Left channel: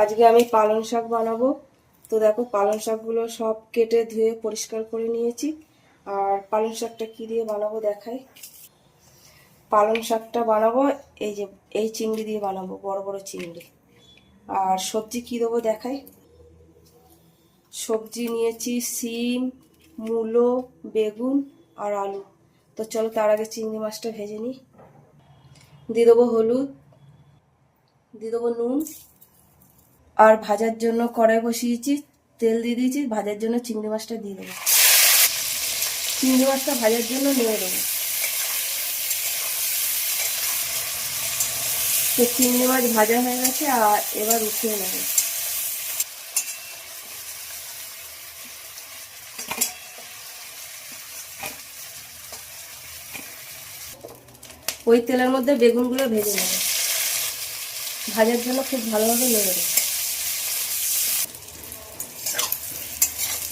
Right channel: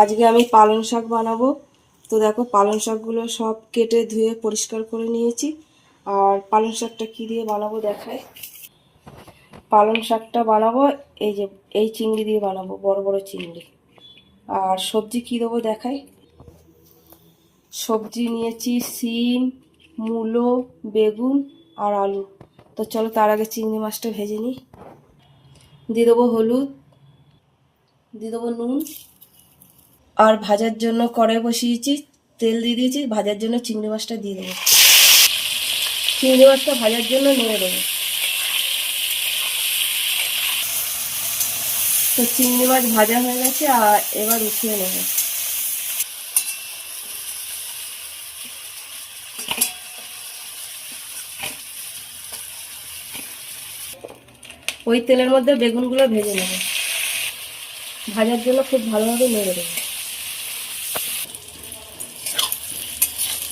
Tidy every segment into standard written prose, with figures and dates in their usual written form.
আজকে আমি পালং শাক বানাবো। তো দেখো পালং শাকগুলো সব কেটে ধুয়ে পরিষ্কার করে নিয়েছি। আর পালং শাকটা কী দিয়ে বানাবো দেখাই। পালং শাকটা বানাবো এই যে এই চিংড়ি দিয়ে বানাবো, বড় বড় চিংড়ি। আর সবজি কী দেবো দেখাই। সবজি নিয়েছি সিম, মূলো, বেগুন আর আলু। তো চলো তার আগে চিংড়ি মাছটা ভেজে নিই। দিয়ে দেবো হলুদ, দিয়ে দেবো নুন। আর ভাজার জন্য কড়াই বসিয়েছি, তেল দিয়ে দিয়েছি। ভাজার জন্য চিংড়ি মাছটা দিয়ে দেবো। চিংড়ি মাছটা ভাজার জন্য নিয়ে দেবো। তো চিংড়ি মাছ ভাজা হয়ে গেছে, আর এবার উঠিয়ে নেব। ওই তেলের মধ্যে বেগুনগুলো ভেজে নেব। ভাজার জন্য খুব ভালোভাবে নেড়ে দেবো।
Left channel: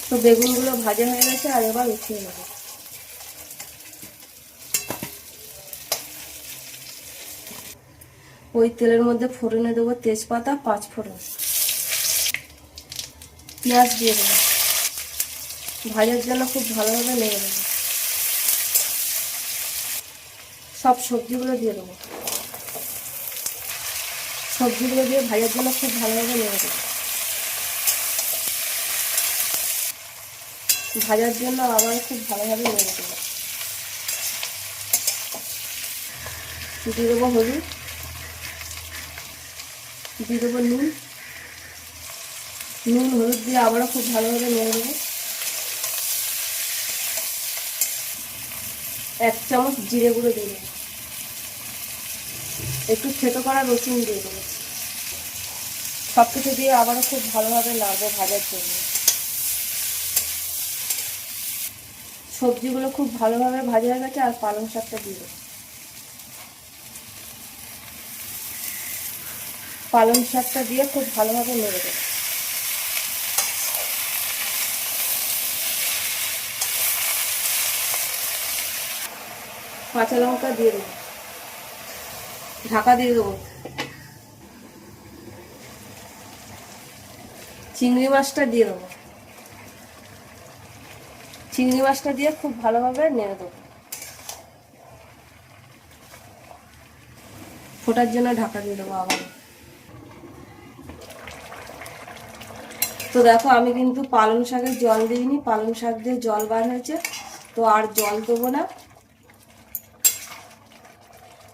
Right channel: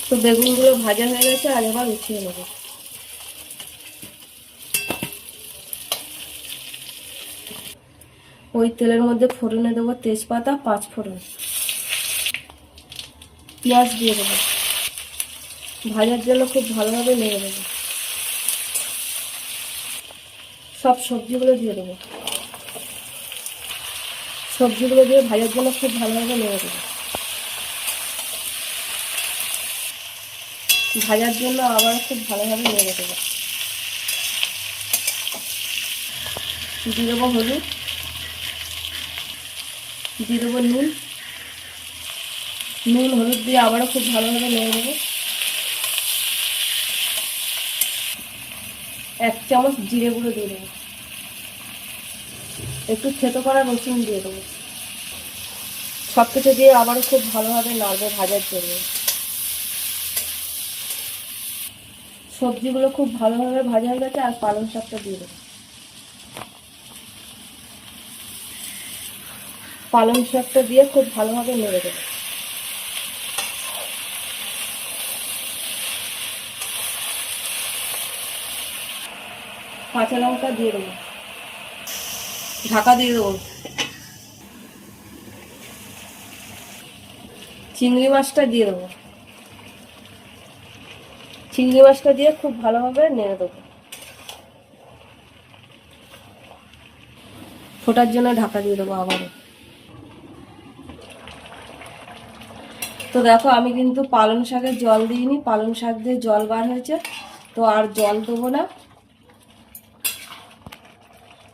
তো বেগুনগুলো ভাজা হয়ে গেছে, আর এবার উঠিয়ে নেব। ওই তেলের মধ্যে ফোড়নে দেবো তেজপাতা, 5 ফোড়ন, পেঁয়াজ দিয়ে দেবো। ভাজার জন্য খুব ভালোভাবে নেড়ে দেবো। সব সবজিগুলো দিয়ে দেবো। সবজিগুলো দিয়ে ভাজার জন্য খুব ভালোভাবে নেড়ে দেবো। ভাজার জন্য আবার খুব ভালোভাবে নেড়ে দেবো। দিয়ে দেবো হলুদ, দিয়ে দেবো নুন। হলুদ দিয়ে আবারও খুব ভালোভাবে নেড়ে দেবো। 1 চামচ জিরে গুঁড়ো দিয়ে দেবো। একটু থেতো করা রসুন দিয়ে দেবো। সব কিছু দিয়ে আবারও খুব ভালোভাবে নাড়বো ভাজার জন্য। সবজিগুলো খুব ভালোভাবে ভাজা হয়ে গেছে, আর পালং শাকটা দিয়ে দেবো। পালং শাকটা দিয়ে খুব ভালোভাবে নেড়ে দেবো। কাঁচা লঙ্কা দিয়ে দেবো। ঢাকা দিয়ে দেবো। চিংড়ি মাছটা দিয়ে দেবো। চিংড়ি মাছটা দিয়ে খুব ভালোভাবে নেড়ে দেবো। ফোটার জন্য ঢাকা দিয়ে দেবো আবার। তো দেখো আমি কিন্তু পালং শাকের জল দিইনি, পালং শাক দিয়ে জল বার হয়েছে। তো আর জল দেবো না।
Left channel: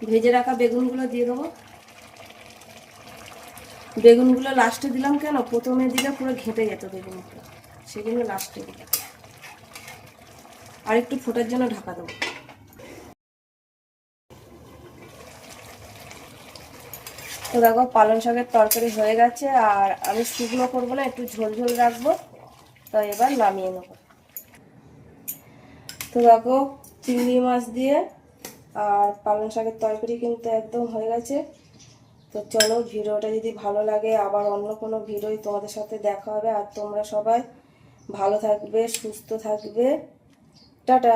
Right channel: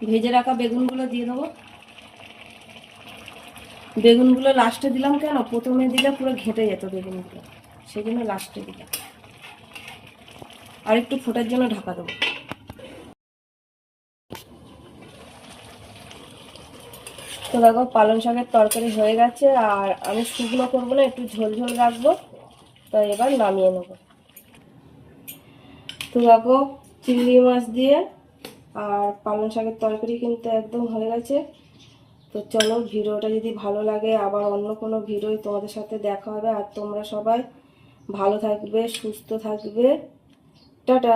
ভেজে রাখা বেগুনগুলো দিয়ে দেবো। বেগুনগুলো লাস্টে দিলাম কেন, প্রথমে দিলে পুরো ঘেটে যেত বেগুনগুলো, সেই জন্য লাস্টে দিলাম। আর একটু ফোটার জন্য ঢাকা দেবো। তো দেখো পালং শাকের তরকারি হয়ে গেছে, আর আমি শুকনো করবো না, একটু ঝোল ঝোল রাখবো। তো এবার নামিয়ে নেব। তো দেখো চিংড়ি মাছ দিয়ে আর পালং শাকের তরকারি কিন্তু একদম হয়ে গেছে। তো চলো, ভিডিওটা যদি ভালো লাগে আবার অন্য কোনো ভিডিওই তোমাদের সাথে দেখা হবে। আর তোমরা সবাই ভালো থাকবে, সুস্থ থাকবে। টাটা।